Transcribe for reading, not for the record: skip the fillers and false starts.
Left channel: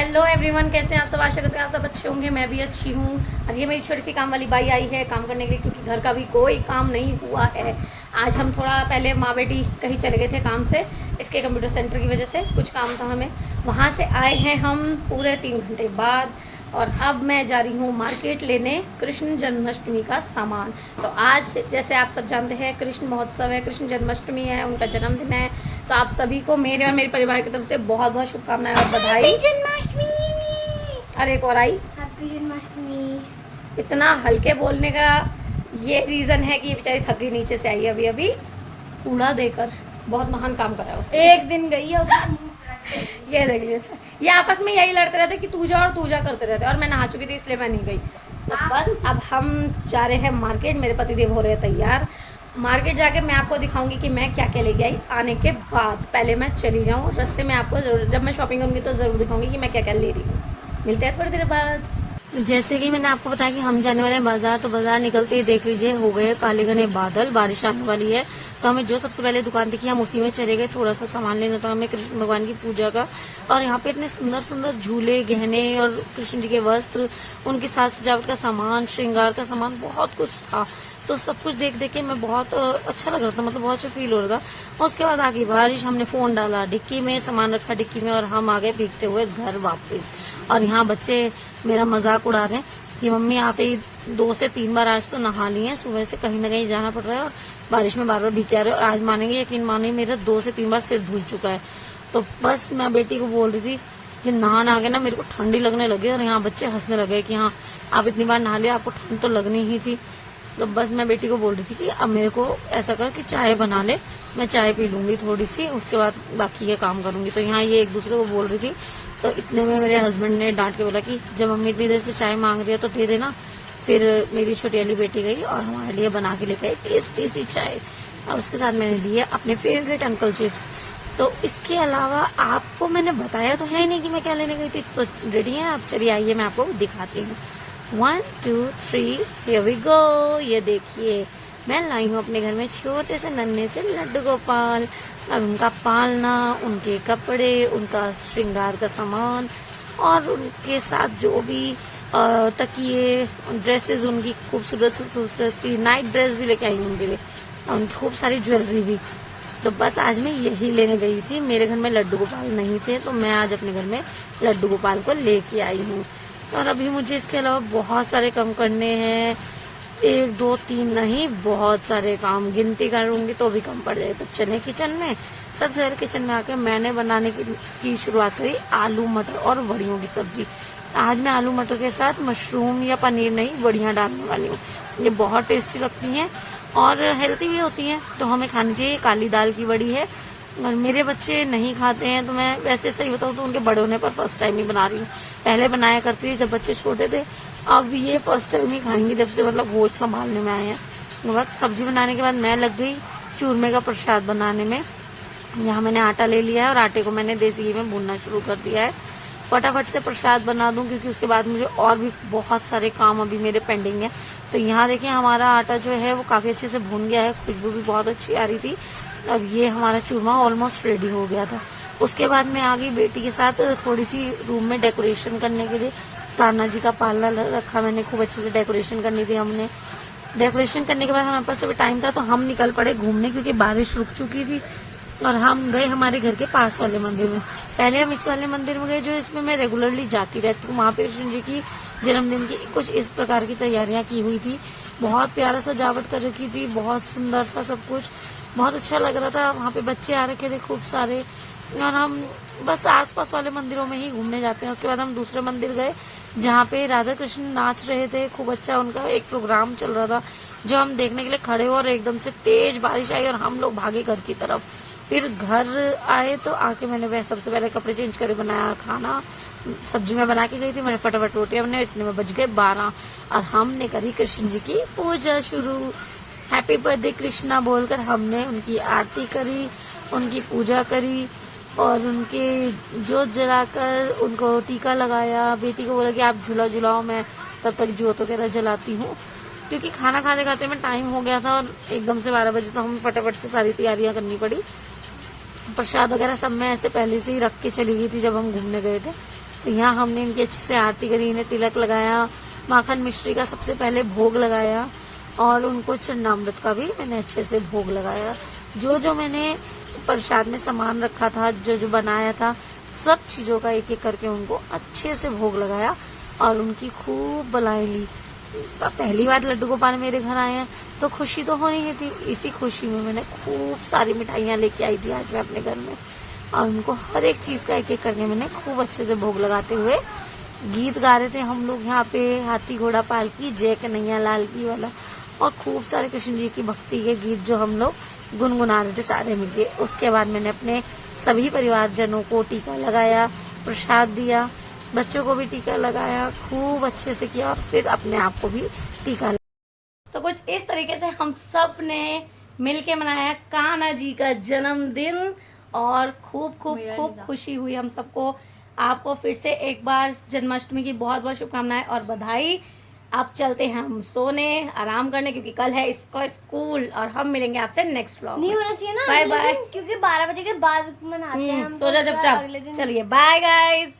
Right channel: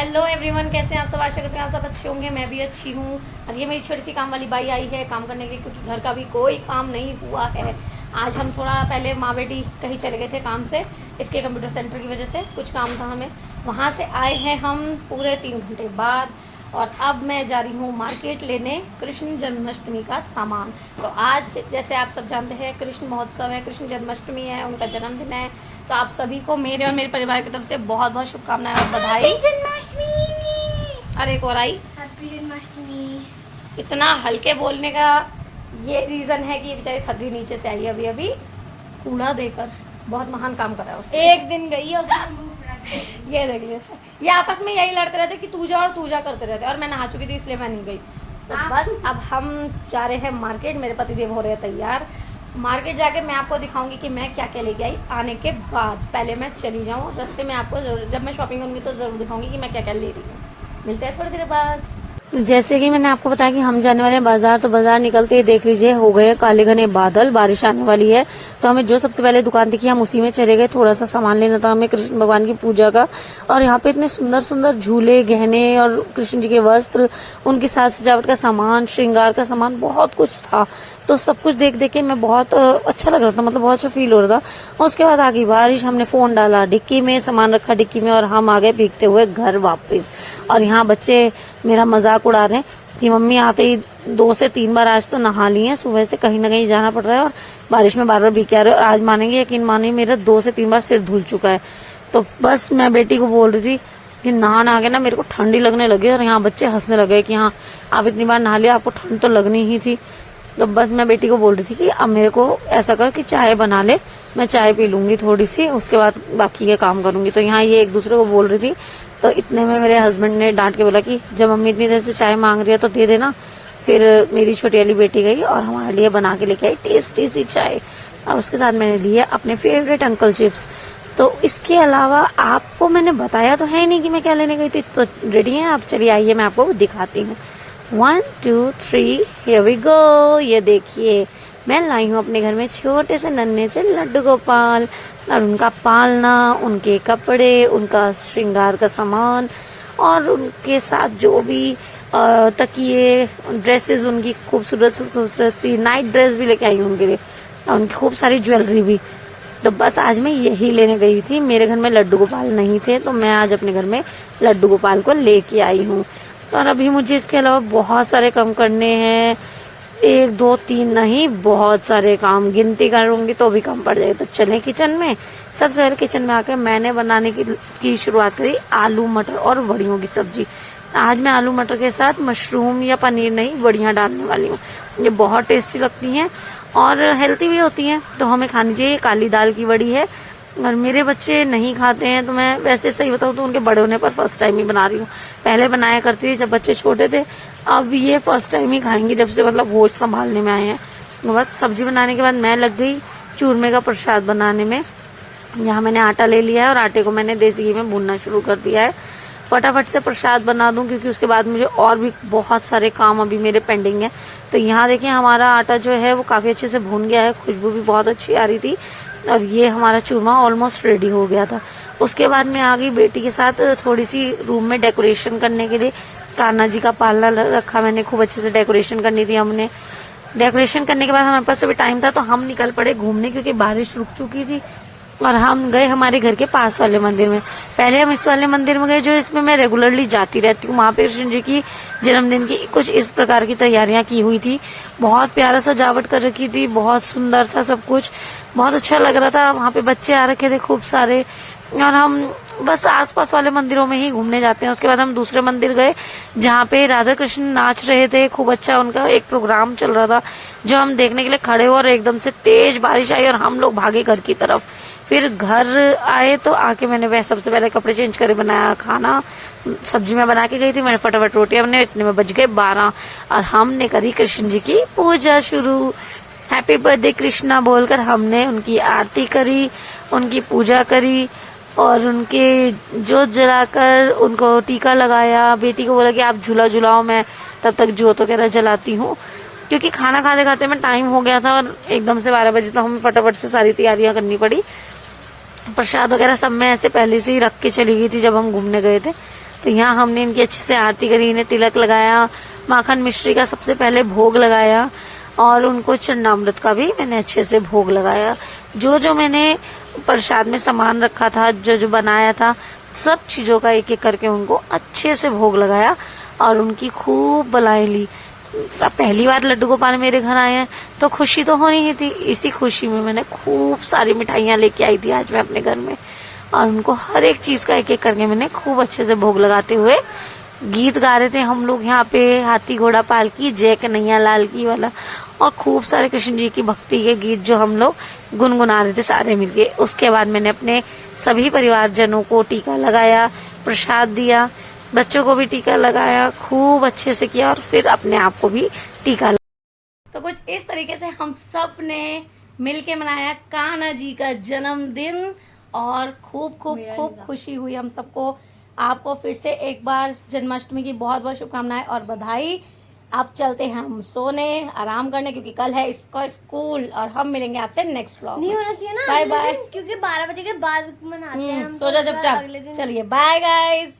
Hello everyone, कैसे हैं आप सब। आशा करते हैं आप सब अच्छे होंगे। मैं भी अच्छी हूँ। और ये मेरी छोटी सी काम वाली बाई आई है काम करने के लिए, क्योंकि घर का भी कोई काम नहीं हुआ है। आज हम थोड़ा पहले माँ बेटी कहीं चले गए थे काम से, इसके कंप्यूटर सेंटर की वजह से कुछ काम था हमें। वहाँ से आए हैं हम पूरे 3 घंटे बाद, और अब मैं जा रही हूँ मार्केट लेने कृष्ण जन्माष्टमी का सामान। तो आज जैसे आप सब जानते हैं कृष्ण महोत्सव है, कृष्ण जन्माष्टमी है, उनका जन्मदिन है। तो आप सभी को मेरे और मेरे परिवार की तरफ से बहुत बहुत शुभकामनाएं और बधाई। जन्माष्टमी। और एक और आई, हैप्पी जन्माष्टमी। इतना हल्के बोलने का ये रीज़न है कि ये बेचारी थक गई, नीचे से आई अभी अभी कूड़ा देकर। बहुत महान काम करा है उसने। एक दिन गई हो ये देख लीजिए, ये आपस में यही लड़ते रहते कि तू जा और तू जा करते रहते, और मैं नहा चुकी थी इसलिए मैं नहीं गई। तो बस अब हम जा रहे हैं मार्केट। मेरे पतिदेव हो रहे हैं तैयार। मार्केट जाके मैं आपको दिखाऊंगी कि मैं क्या क्या लेके आई। आने के बाद पहले मैं चली जाऊँ रास्ते में, आपको जरूर जब मैं शॉपिंग करूँगी तो ज़रूर दिखाऊंगी कि मैं क्या क्या ले रही हूँ। मिलते हैं थोड़ी देर बाद। जैसे कि मैंने आपको बताया कि हम जाने वाले हैं बाजार, तो बाजार निकलते ही देख लीजिए हो गए काले घने बादल, बारिश आने वाली है। तो हमें जो सबसे पहले दुकान दिखी हम उसी में चले गए। थोड़ा सा सामान लेना था हमें कृष्ण भगवान की पूजा का, और यहाँ पे इतने सुंदर सुंदर झूले, गहने और कृष्ण जी के वस्त्र, उनकी साज सजावट का सामान, श्रृंगार का सामान, बहुत कुछ था। तो सब कुछ देख देख के मैं बहुत अच्छा लग रहा था, मतलब बहुत अच्छा फील हो रहा था। और उसके बाद आ गई बारिश, हमने फोन डाला डिक्की में, सामान रखा डिक्की में, और हम आ गए भीगते हुए घर वापस। और यहाँ बच्चे मेरा मजाक उड़ा रहे हैं कि मम्मी आते ही 2 से 3 बार आज तो नहा ली है, सुबह से कहीं ना कहीं जाना पड़ रहा है और बारिश में बार बार भीग के आ रहे हैं। और आज मानेंगे यकीन मानेंगे, मेरा 2 से 3 बार सिर धुल चुका है। तो बस मैं बेटी को बोल रही थी कि नहा के ना मेरे को ठंडी लगने लगी, और यहाँ बच्चे हंसने लगे कि हाँ आप इतनी बार नहा लिया, आपको ठंड तो लगनी ही थी। तो बस मैं बेटी को बोल रही थी कि अब मेरे को ऐसा कर कि चाय बना ले, मैं चाय पी लूंगी थोड़ी सी, उसके बाद बाकी के काम करूंगी। तो यहाँ ये एक दूसरे को बोल रही थी। तो इतने में मेरे हस्बैंड ने डांट के बोला कि जब मम्मी इतनी देर से चाय मांग रही है तो दे देना। फिर मेरी छोटी वाली बेटी गई और हमारे लिए बना के लेके आई टेस्टी सी चाय, और उसके साथ मैंने लिए अपने फेवरेट अंकल चिप्स। तो इसके अलावा आपको मैंने बताया तो है नहीं कि मैं क्या लेने गई थी। तो रेडी हैं आप, चलिए आइए मैं आपको दिखाती हूँ। 1 2 3 हियर वी गो। ये देखिए मैं लाई हूँ अपने घर में छोटे से नन्हे से लड्डू गोपाल, और उनका पालना, उनके कपड़े, उनका श्रृंगार का सामान, और उनके साथ जो भी तकिए, ड्रेसेस, उनकी खूबसूरत खूबसूरत सी नाइट ड्रेस भी लेके आई हूँ उनके लिए, और उनकी खूब सारी ज्वेलरी भी। तो बस आज मैं यही लेने गई थी। मेरे घर में लड्डू गोपाल नहीं थे, तो मैं आज अपने घर में लड्डू गोपाल को लेके आई हूँ। और अभी मुझे इसके अलावा बहुत सारे काम करने हैं, 1 2 3 नहीं, बहुत सारे काम, गिनती करूंगी तो भी कम पड़ जाएगा। तो चले किचन में। सबसे पहले किचन में आकर मैंने बनाने की शुरुआत करी आलू मटर और वड़ियों की सब्जी। आज मैं आलू मटर के साथ मशरूम या पनीर नहीं, वड़ियाँ डालने वाली हूँ। ये बहुत टेस्टी लगती हैं और हेल्थी भी होती हैं, तो हमें खानी चाहिए। काली दाल की वड़ी है, और मेरे बच्चे नहीं खाते हैं, तो मैं वैसे सही बताऊँ तो उनके बड़े होने पर फर्स्ट टाइम ही बना रही हूँ। पहले बनाया करती थी जब बच्चे छोटे थे, अब ये फर्स्ट टाइम ही खाएंगे जब से मतलब होश संभालने में आए हैं। तो बस सब्जी बनाने के बाद मैं लग गई चूरमे का प्रसाद बनाने में। यहाँ मैंने आटा ले लिया है और आटे को मैंने देसी घी में भूनना शुरू कर दिया है। फटाफट से प्रसाद बना दूं, क्योंकि उसके बाद मुझे और भी बहुत सारे काम अभी मेरे पेंडिंग है। तो यहाँ देखिए हमारा आटा जो है वो काफी अच्छे से भून गया है, खुशबू भी बहुत अच्छी आ रही थी, और ये हमारा चूरमा ऑलमोस्ट रेडी हो गया था। उसके बाद मैं आ गई बेटी के साथ थोड़ी सी रूम में डेकोरेशन करने के लिए। कान्हा जी का पालना रखा मैंने, खूब अच्छे से डेकोरेशन करनी थी हमने। डेकोरेशन करने के बाद हमारे पास अभी टाइम था, तो हम निकल पड़े घूमने, क्योंकि बारिश रुक चुकी थी। और हम गए हमारे घर के पास वाले मंदिर में। पहले हम इस वाले मंदिर में गए जो इसमें मैं रेगुलरली जाती रहती हूँ। वहाँ पे कृष्ण जी की जन्मदिन की कुछ इस प्रकार की तैयारियां की हुई थी। बहुत प्यारा सजावट कर रखी थी, बहुत सुंदर था सब कुछ, बहुत अच्छा लग रहा था। वहाँ पे बच्चे आ रखे थे खूब सारे, और हम बस आसपास वाले मंदिरों में ही घूमने जाते हैं। उसके बाद हम दूसरे मंदिर गए जहाँ पे राधा कृष्ण नाच रहे थे, खूब अच्छा उनका एक प्रोग्राम चल रहा था, जो हम देखने के लिए खड़े हुए, और एकदम से तेज बारिश आई और हम लोग भागे घर की तरफ। फिर घर आए तो आके मैंने वह सबसे पहले कपड़े चेंज करे बनाया खाना। सब्जी में बना के गई थी, मैंने फटाफट रोटियां बनाई, इतने में बज गए 12, और हमने करी कृष्ण जी की पूजा शुरू। हैप्पी बर्थडे कृष्णा बोलकर हमने उनकी आरती करी, उनकी पूजा करी, और उनके जोत जलाकर उनको टीका लगाया। बेटी को बोला कि आप झूला झुलाओ, मैं तब तक जोत वगैरह जलाती हूँ, क्योंकि खाना खाते खाते में टाइम हो गया था और एकदम से 12 बजे तो हमें फटाफट से सारी तैयारियां करनी पड़ी। प्रसाद वगैरह सब मैं ऐसे पहले से ही रख के चली गई थी जब हम घूमने गए थे। तो यहाँ हमने इनकी अच्छे से आरती करी, इन्हें तिलक लगाया, माखन मिश्री का सबसे पहले भोग लगाया और उनको चन्नामृत का भी मैंने अच्छे से भोग लगाया। जो जो मैंने प्रसाद में सामान रखा था, जो जो बनाया था, सब चीजों का एक एक करके उनको अच्छे से भोग लगाया और उनकी खूब बधाई ली। पहली बार लड्डू गोपाल मेरे घर आए हैं तो खुशी तो होनी ही थी। इसी खुशी में मैंने खूब सारी मिठाइयाँ लेके आई थी आज मैं अपने घर में, और उनको हर एक चीज का एक एक करके मैंने खूब अच्छे से भोग लगाते हुए गीत गा रहे थे हम लोग यहाँ पे, हाथी घोड़ा पालकी जय कन्हैया लाल की वाला, और खूब सारे कृष्ण जी की भक्ति के गीत जो हम लोग गुनगुना रहे थे सारे मिलके। उसके बाद मैंने अपने सभी परिवारजनों को टीका लगाया, प्रसाद दिया, बच्चों को भी टीका लगाया, खूब अच्छे से किया और फिर अपने आप को भी टीका लगाया। तो कुछ इस तरीके से हम सब ने मिलके मनाया कान्हा जी का जन्मदिन और खूब खूब खूब खुशी हुई हम सबको। आपको फिर से एक बार जन्माष्टमी की बहुत बहुत शुभकामनाएं और बधाई। अब चलते हैं हम सोने, आराम करने, क्योंकि कल है इसका स्कूल और हम मिलेंगे आपसे नेक्स्ट व्लॉग। नहीं होना चाहिए ना बाय अगले बाय, दिन, क्योंकि 12 बजे के बाद मनाते हैं हम। सो जा तो चुपचाप। अगले दिन चलिए बाय गाइस।